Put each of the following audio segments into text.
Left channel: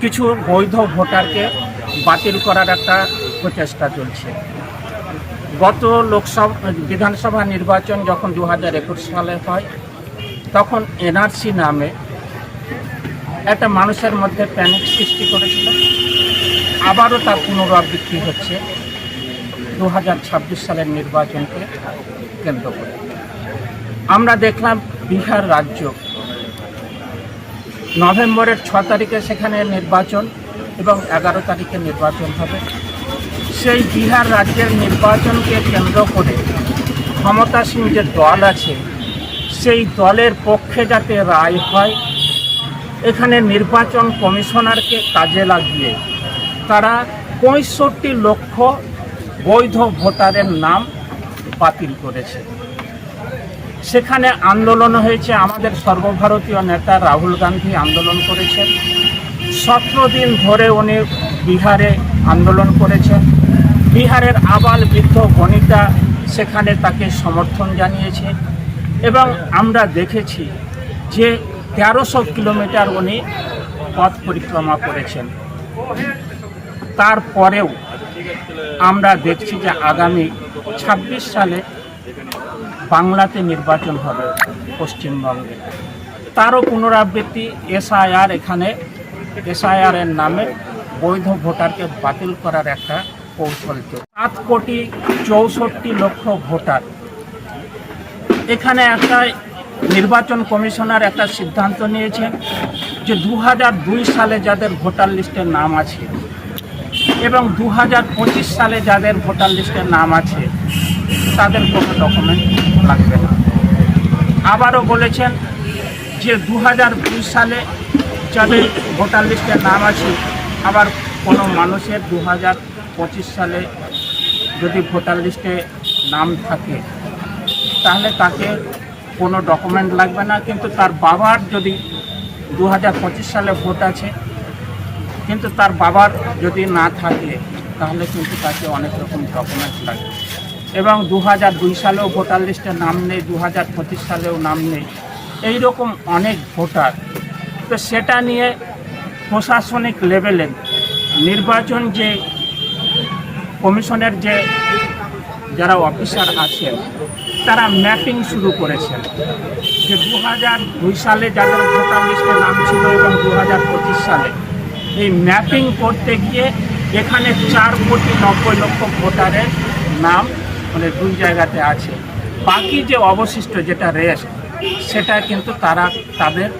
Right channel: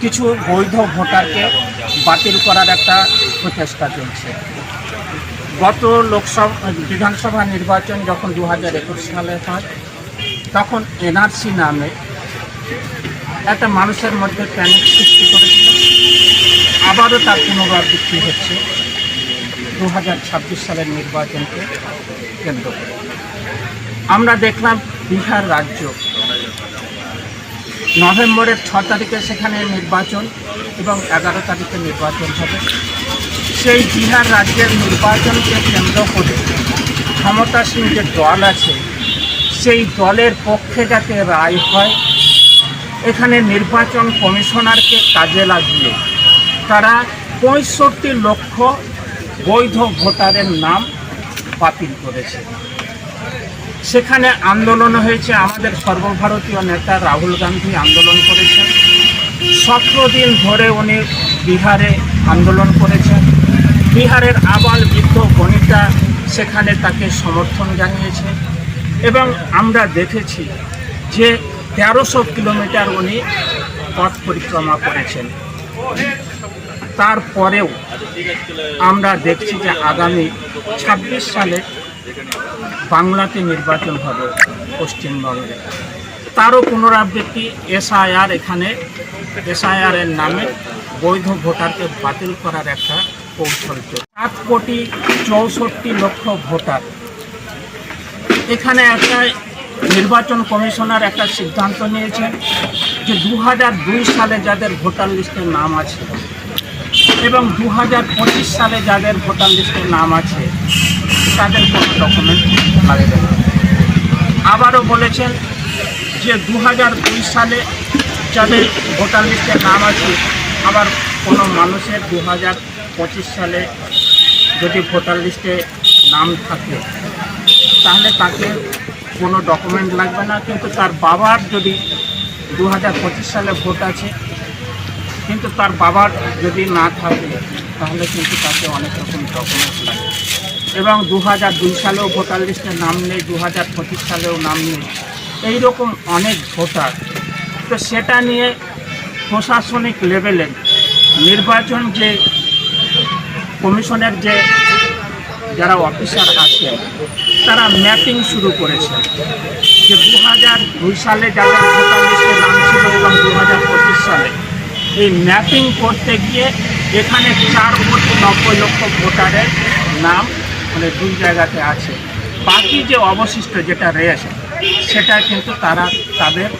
কিছু বৈধ ভোটারকে বাতিল করার একটা প্রচেষ্টা চলছে। গত লোকসভা, বিধানসভা নির্বাচন যখন দু হাজার একুশ সালে হয়, তখন এনআরসি নামে একটা মানুষের মধ্যে প্যানিক সৃষ্টি করেছিল। আবারও তার পুনরাবৃত্তি হচ্ছে দু হাজার ছাব্বিশ সালের নির্বাচনকে কেন্দ্র করে। আমরা দেখলাম বিহার রাজ্য নভেম্বরের ছ তারিখে সেখানে নির্বাচন এবং এগারো তারিখে নির্বাচন হবে। সেই বিহার রাজ্যের নির্বাচনকে কেন্দ্র করে ক্ষমতাসীন যে দল আছে, সেই দলের পক্ষে যাতে রায় হয়, এখানে নির্বাচন কমিশনারকে কাজে লাগিয়ে তারা পঁয়ষট্টি লক্ষ বৈধ ভোটারের নাম বাতিল করেছে। সেখানে আন্দোলন হয়েছে। আমাদের সর্বভারতীয় নেতা রাহুল গান্ধী আন্দোলন করেছেন। সতেরো দিন ধরে উনি বিহারে আন্দোলন করেছেন। বিহারের আবাল বৃদ্ধ বনিতা সেখানে তাকে সমর্থন জানিয়েছে এবং আমরা দেখেছি যে তেরোশো কিলোমিটার উনি পথ পরিক্রমা করেছেন। তারপরেও আমরা দেখছি যে আগামী ছাব্বিশ সালে বাংলাতে নির্বাচন হবে পশ্চিমবঙ্গে। তারও পুনরাবৃত্তি এসআইআর এখানে, এসআইআর এর নামে বৈধ ভোটারকে বাতিল করার একটা কৌশল সাত কোটি চৌষট্টি লক্ষ ভোটার। এখানে একটা নির্বাচন কমিশনার একটা সিদ্ধান্ত নিয়েছেন যে দু সালে যাদের ভোটার লিস্টের নাম আছে এবং দু হাজার পঁচিশ সালে যাদের ভোটার লিস্টের নাম আছে, তাদের কোনো ডকুমেন্ট লাগবে আবারও বলেছেন যে দু সালে যাদের ভোটার লিস্টের নাম আছে, আবার কোনো মানুষের দু সালে যদি ভোটার লিস্টে নাম থাকে, তাহলে তাকে কোনো ডকুমেন্ট লাগবে না। কিন্তু তার বাবার যদি দু হাজার পঁচিশ সালে ভোট আছে, কিন্তু তার বাবার যদি না থাকে, তাহলে কিন্তু তাকে অনেক রকম ডকুমেন্টস লাগে এবং দু হাজার দুই সালেও ভোটার লিস্টে নাম নেই দু হাজার পঁচিশ সালেও নাম নেই। এই রকম অনেক ভোটার। তো সেটা নিয়ে প্রশাসনিক লেভেলে নির্বাচন যে কমিশনের যে যারা অফিসার আছেন, তারা ম্যাপিং শুরু করেছে যে দু হাজার দুই সালে যাদের ভোটার লিস্টে নাম ছিল এবং দু হাজার পঁচিশ সালে, এই ম্যাপিং করতে গিয়ে এখানে চার কোটি নব্বই লক্ষ ভোটারের নাম মানে দুই জায়গাতে আছে। বাকি যে অবশিষ্ট যেটা রেস্ট সেটা কিন্তু তারা তাদের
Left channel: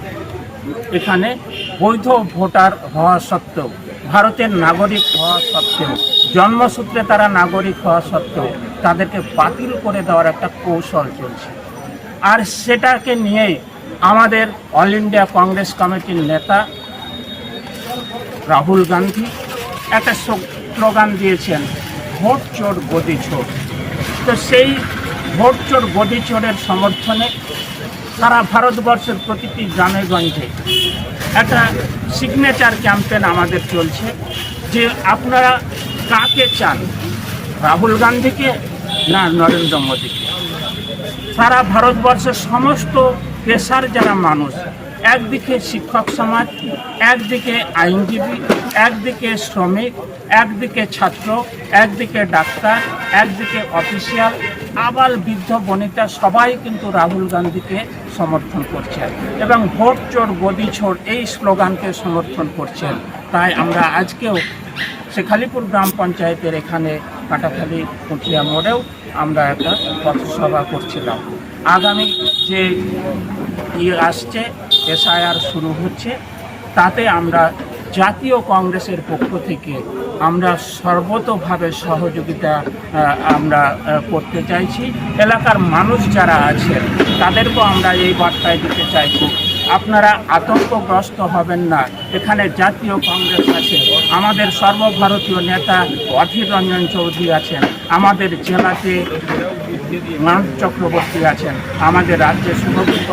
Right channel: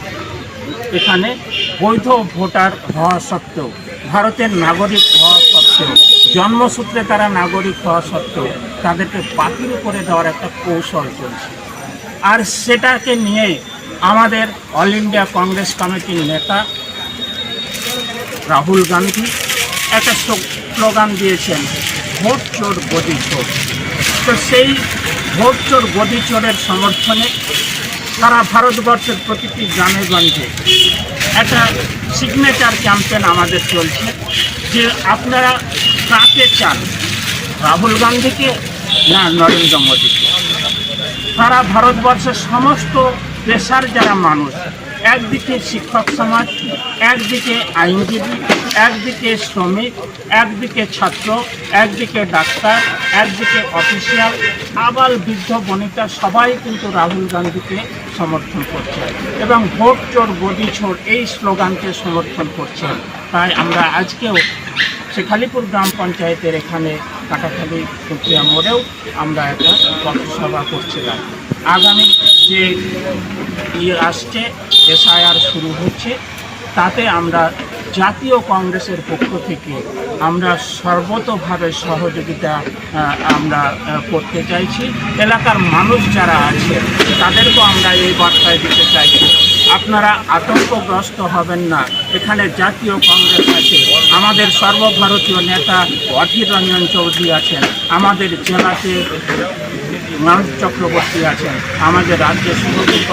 এখানে বৈধ ভোটার হওয়া সত্ত্বেও, ভারতের নাগরিক হওয়া সত্ত্বেও, জন্মসূত্রে তারা নাগরিক হওয়া সত্ত্বেও তাদেরকে বাতিল করে দেওয়ার একটা কৌশল চলছে। আর সেটাকে নিয়ে আমাদের অল ইন্ডিয়া কংগ্রেস কমিটির নেতা রাহুল গান্ধী একটা স্লোগান দিয়েছেন, ভোট চোর গদি চোর। তো সেই ভোট চোর চোরের সমর্থনে সারা ভারতবর্ষের প্রতিটি গ্রামে গঞ্জে একটা সিগনেচার ক্যাম্পেন আমাদের চলছে যে আপনারা কাকে চান? রাহুল গান্ধীকে না নরেন্দ্র মোদীকে? সারা ভারতবর্ষের সমস্ত পেশার যারা মানুষ একদিকে শিক্ষক সমাজ, একদিকে আইনজীবী, একদিকে শ্রমিক, একদিকে ছাত্র, একদিকে ডাক্তার, একদিকে অফিসিয়াল। আবাল বৃদ্ধ বনিতা সবাই কিন্তু রাহুল গান্ধীকে সমর্থন করছে এবং ভোট চোর, গদি ছোর এই স্লোগানকে সমর্থন করছে। তাই আমরা আজকেও শেখালিপুর গ্রাম পঞ্চায়েতের এখানে কাটাখালি কুটিয়া মোড়েও আমরা একটা পথসভা করছিলাম। আগামী যে ইয়ে আসছে, এসআইআর শুরু হচ্ছে, তাতে আমরা জাতীয় কংগ্রেসের পক্ষ থেকে আমরা সর্বতভাবে সহযোগিতা আমরা করতে চাইছি। এলাকার মানুষ যারা আছে, তাদেরকেও আমরা এই বার্তায় দিতে চাইছি। আপনারা আতঙ্কগ্রস্ত হবেন না। এখানে জাতীয় কংগ্রেস আছে, আমাদের সর্বভারতীয় নেতা অধীর রঞ্জন চৌধুরী আছেন, আমাদের জেলাতে মানব চক্রবর্তী আছেন, আমাদের রাজ্যে সুরক্ষিত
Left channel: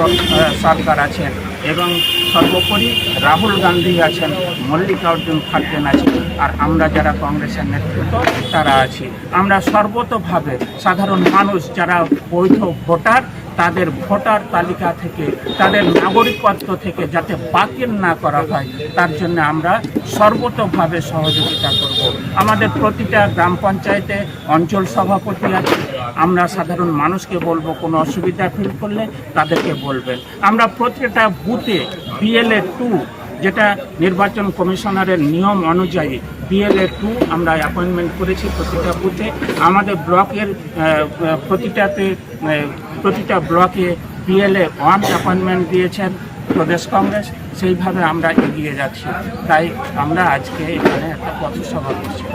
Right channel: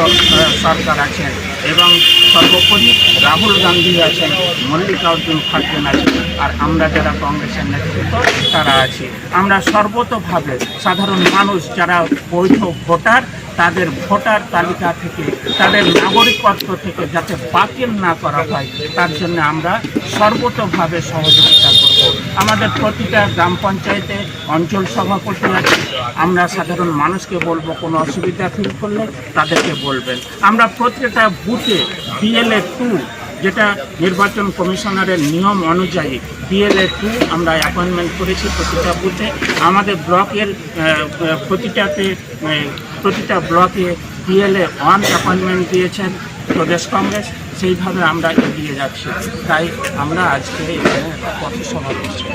সরকার আছেন এবং সর্বোপরি রাহুল গান্ধী আছেন, মল্লিকার্জুন খাড়গে আছেন, আর আমরা যারা কংগ্রেসের নেতৃত্ব, তারা আছি। আমরা সর্বতভাবে সাধারণ মানুষ যারা বৈধ ভোটার তাদের ভোটার তালিকা থেকে, তাদের নাগরিকত্ব থেকে যাতে বাতিল না করা হয়, তার জন্য আমরা সর্বতভাবে সহযোগিতা করব। আমাদের প্রতিটা গ্রাম পঞ্চায়েতে অঞ্চল সভাপতি আছে। আমরা সাধারণ মানুষকে বলব, কোনো অসুবিধা ফিল করলে তাদেরকে বলবেন। আমরা প্রত্যেকটা বুথে বিএলএ টু যেটা নির্বাচন কমিশনারের নিয়ম অনুযায়ী বিএলএ টু আমরা অ্যাপয়েন্টমেন্ট করেছি প্রতিটা বুথে আমাদের ব্লকের প্রতিটাতে প্রতিটা ব্লকে বিএলএ ওয়ান অ্যাপয়েন্টমেন্ট দিয়েছেন প্রদেশ কংগ্রেস। সেইভাবে আমরা এগিয়ে যাচ্ছি। তাই আমরা আজকে এখানে পথসভা করছি।